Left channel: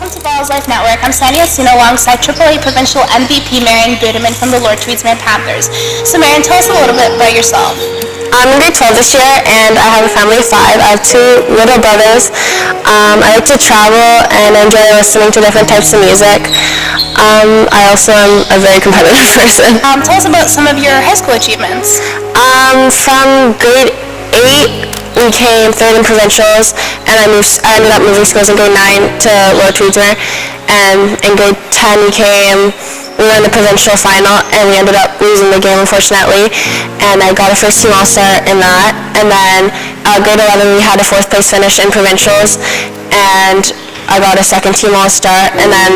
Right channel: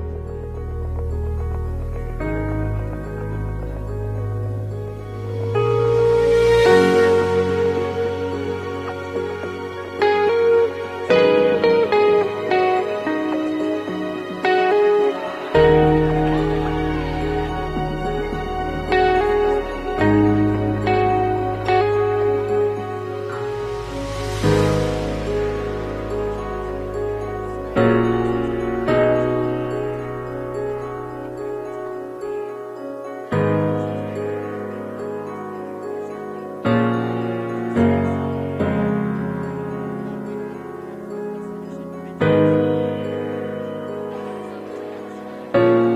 Welcome to Balls Life Network. I'm Sandy Asino alongside AAA Provincial MVP Maryn Budiman from the Lord Tweedsmere Panthers. So Maryn, tell us a little bit about yourself. I'm in grade 12 this year, and I have a family of 5. I have 2 little brothers. I like to travel, and I enjoy listening to different types of music. I also am a very competitive person. Tell us about some of your high school achievements. From grade 8, we came 3rd in provincials, and I ended up moving schools in grade 9 to Lord Tweedsmere. And in grade 10, we were in the provincial final, and we ended up losing the game, unfortunately. And I got a first team all-star in that. And then grade 11, we had a 4th place finish in provincials, and I got a 2nd team all-star. And then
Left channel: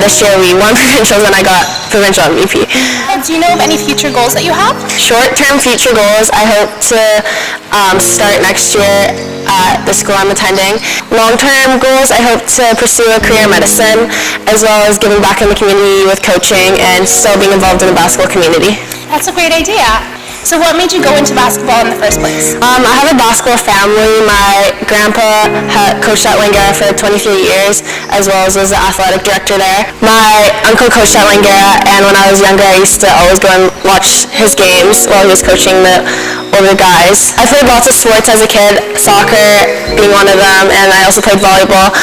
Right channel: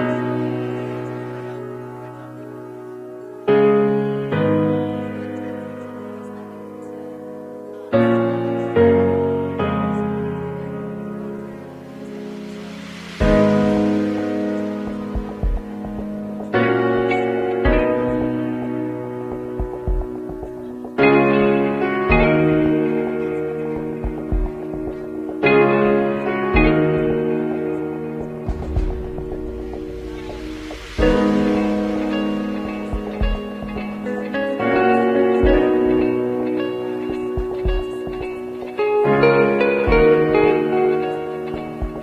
this year we won provincials, and I got provincial MVP. Do you know of any future goals that you have? Short-term future goals, I hope to start next year at the school I'm attending. Long-term goals, I hope to pursue a career in medicine, as well as giving back in the community with coaching and still being involved in the basketball community. That's a great idea. So what made you go into basketball in the first place? I have a basketball family. My grandpa coached at Langara for 23 years, as well as was the athletic director there. My uncle coached at Langara, and when I was younger, I used to always go and watch his games while he was coaching the older guys. I played lots of sports as a kid, soccer being one of them, and I also played volleyball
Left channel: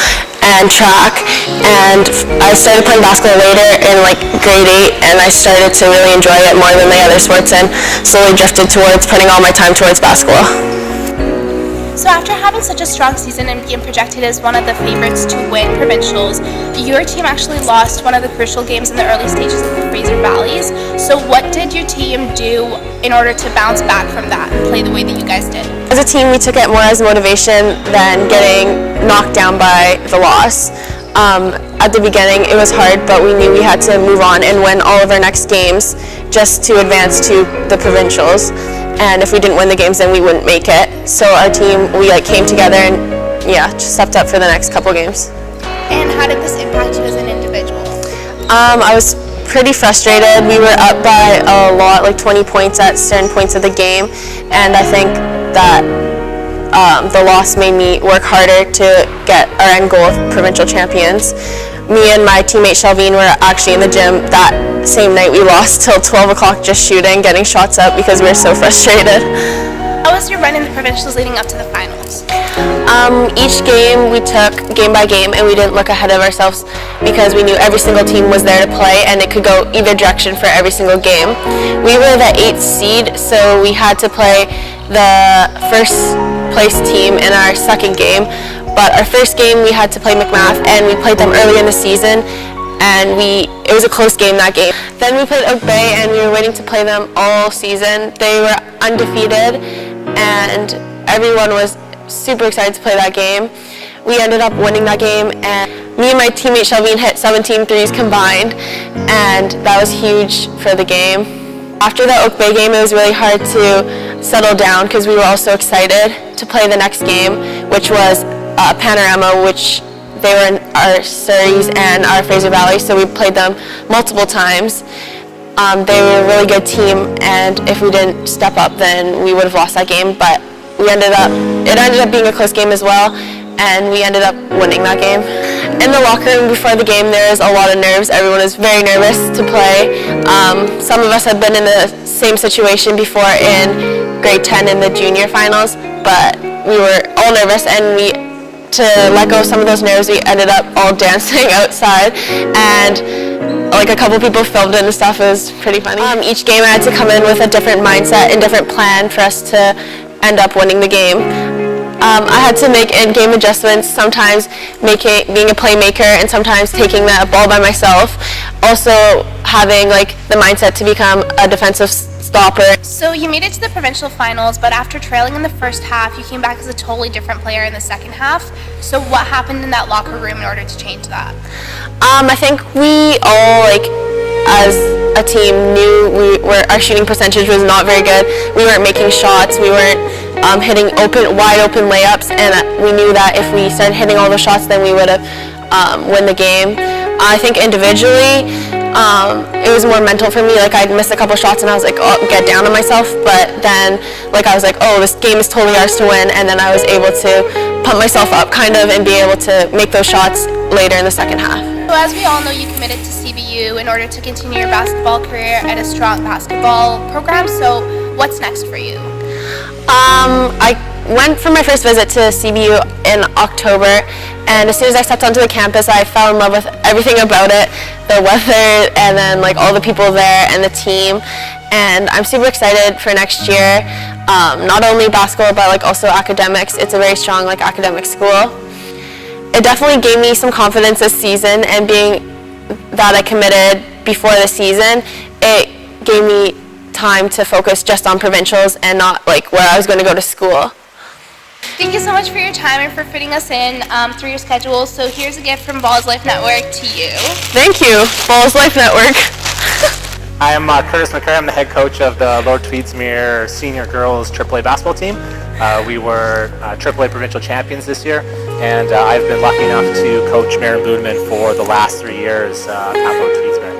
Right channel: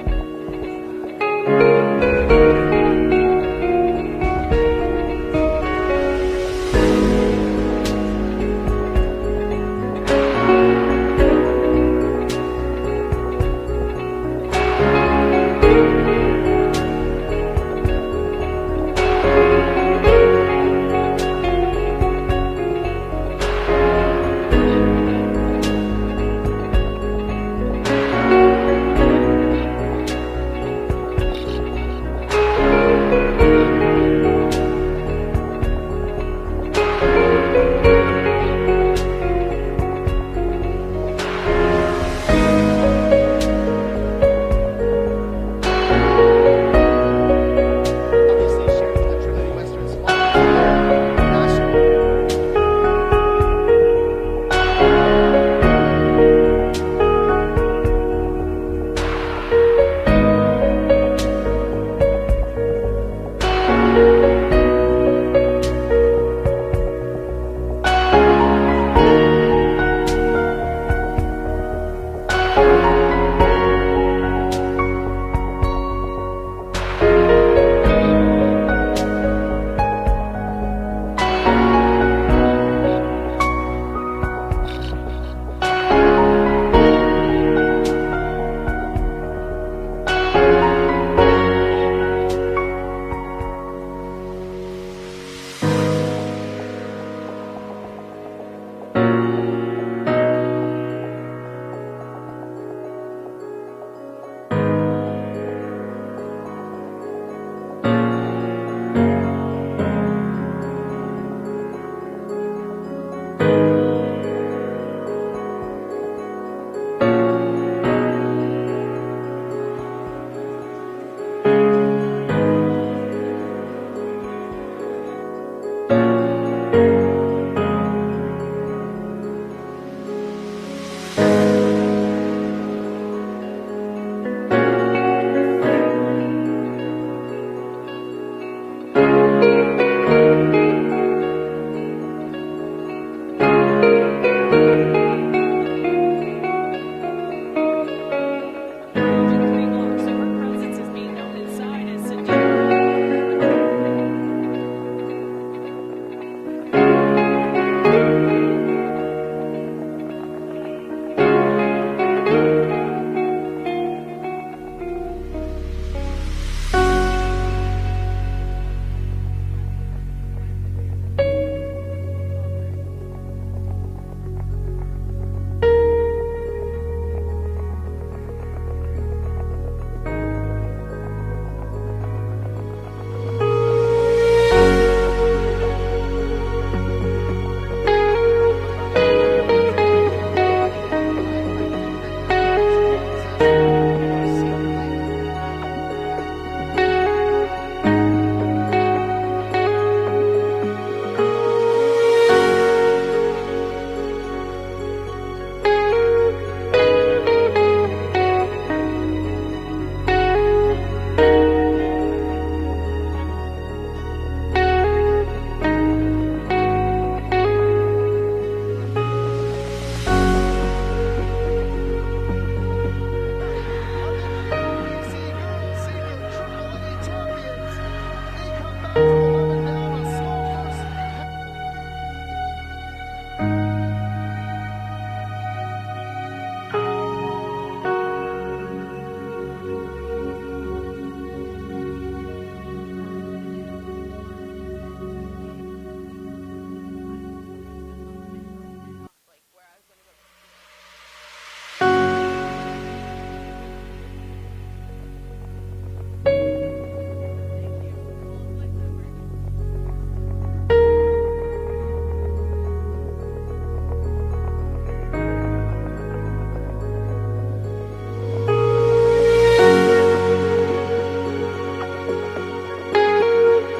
and track, and I started playing basketball later in grade 8, and I started to really enjoy it more than the other sports and slowly drifted towards putting all my time towards basketball. So after having such a strong season and being projected as one of the favorites to win provincials, your team actually lost one of the crucial games in the early stages of the Fraser Valleys. So what did your team do in order to bounce back from that and play the way that you guys did? As a team, we took it more as motivation than getting knocked down by the loss. At the beginning, it was hard, but we knew we had to move on and win all of our next games just to advance to the provincials. And if we didn't win the games, then we wouldn't make it. So our team, we came together and just stepped up for the next couple games. And how did this impact you as an individual? I was pretty frustrated. We were up by a lot, 20 points at certain points of the game, and I think that the loss made me work harder to get our end goal of provincial champions. Me and my teammate Shelveen were actually in the gym that same night we lost till 12 o'clock just shooting, getting shots up because we were so frustrated. How was your run in the provincials leading up to the finals? Each game we took game by game, and we didn't look ahead of ourselves because we knew every single team was there to play and it could go either direction for every single game. We were the 8th seed, so we had to play the first place team in our second game. But our first game we had to play McMath, and we played them early in the season, and it was a close game that game. Then we played Oak Bay, and we were waiting to play them all season. They were undefeated, and everyone was super excited to play that game. We ended up winning that game, and me and my teammate Shelveen hit 17 threes combined, and that was huge for the game. After the Oak Bay game, it was really hard to settle down because we were all so excited to play the next game, which was Panorama, which they were in our Surreys and our Fraser Valley, so we played them multiple times. They were a really good team, and if we didn't step up, then we would have lost that game, but it ended up being a close game as well, and we ended up winning that game. In the locker room before the game, there was a lot of nerves. Everyone was very nervous to play. Some of us had been in the same situation before in grade 10 in the junior finals, but we were all nervous, and to let go of some of those nerves, we ended up all dancing outside, and a couple people filmed it and stuff. It was pretty funny. Each game I had to come in with a different mindset and different plan for us to end up winning the game. I had to make in-game adjustments, sometimes being a playmaker and sometimes taking the ball by myself. Also having the mindset to become a defensive stopper. So you made it to the provincial finals, but after trailing in the first half, you came back as a totally different player in the second half. So what happened in that locker room in order to change that? I think we all, as a team, knew our shooting percentage was not very good. We weren't making shots. We weren't hitting wide open layups, and we knew that if we started hitting all the shots, then we would have won the game. I think individually, it was more mental for me. I'd missed a couple shots and I was get down on myself, but then I was oh, this game is totally ours to win, and then I was able to pump myself up kind of and be able to make those shots later in the second half. So as we all know, you committed to CBU in order to continue your basketball career at a strong basketball program. So what's next for you? I went for my first visit to CBU in October, and as soon as I stepped onto the campus, I fell in love with everything about it, the weather, and then like all the people there and the team. And I'm super excited for next year. Not only basketball, but like also academics. It's a very strong like academic school. It definitely gave me some confidence this season, and being that I committed before the season, it gave me time to focus just on provincials and not like where I was going to go to school. Thank you so much for your time and for fitting us in through your schedule. So here's a gift from Balls Life Network to you. Thank you, Balls Life Network. I am Curtis McCurry. I'm the head coach of the Lord Tweedsmuir Senior Girls AAA basketball team. We were AAA provincial champions this year, and I've been lucky enough to coach Maryn Budiman for the last 3 years at Lord Tweedsmuir.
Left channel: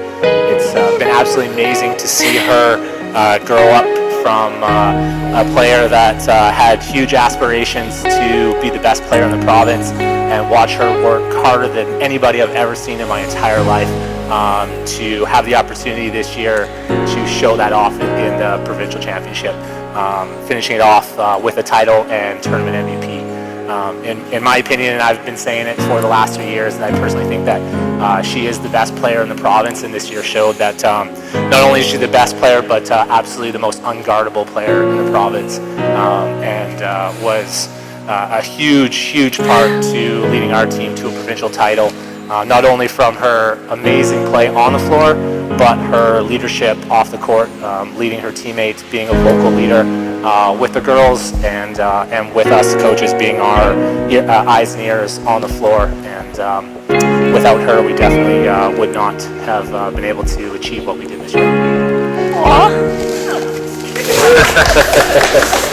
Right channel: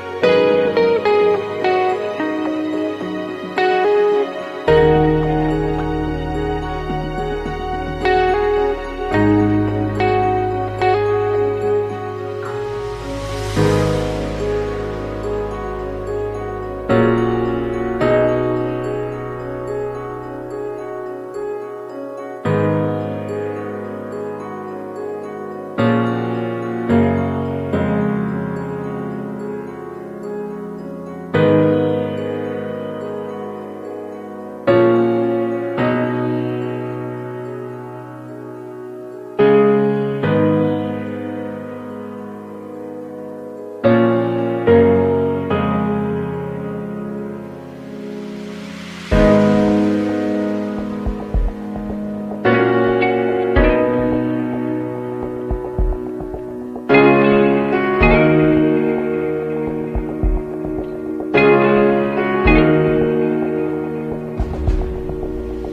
It's been absolutely amazing to see her grow up from a player that had huge aspirations to be the best player in the province, and watch her work harder than anybody I've ever seen in my entire life to have the opportunity this year to show that off in the provincial championship, finishing it off with a title and tournament MVP. In my opinion, and I've been saying it for the last 3 years, I personally think that she is the best player in the province, and this year showed that not only is she the best player, but absolutely the most unguardable player in the province, and was a huge part to leading our team to a provincial title, not only from her amazing play on the floor, but her leadership off the court, leading her teammates, being a vocal leader with the girls, and with us coaches being our eyes and ears on the floor. And without her, we definitely would not have been able to achieve what we did this year. Aww.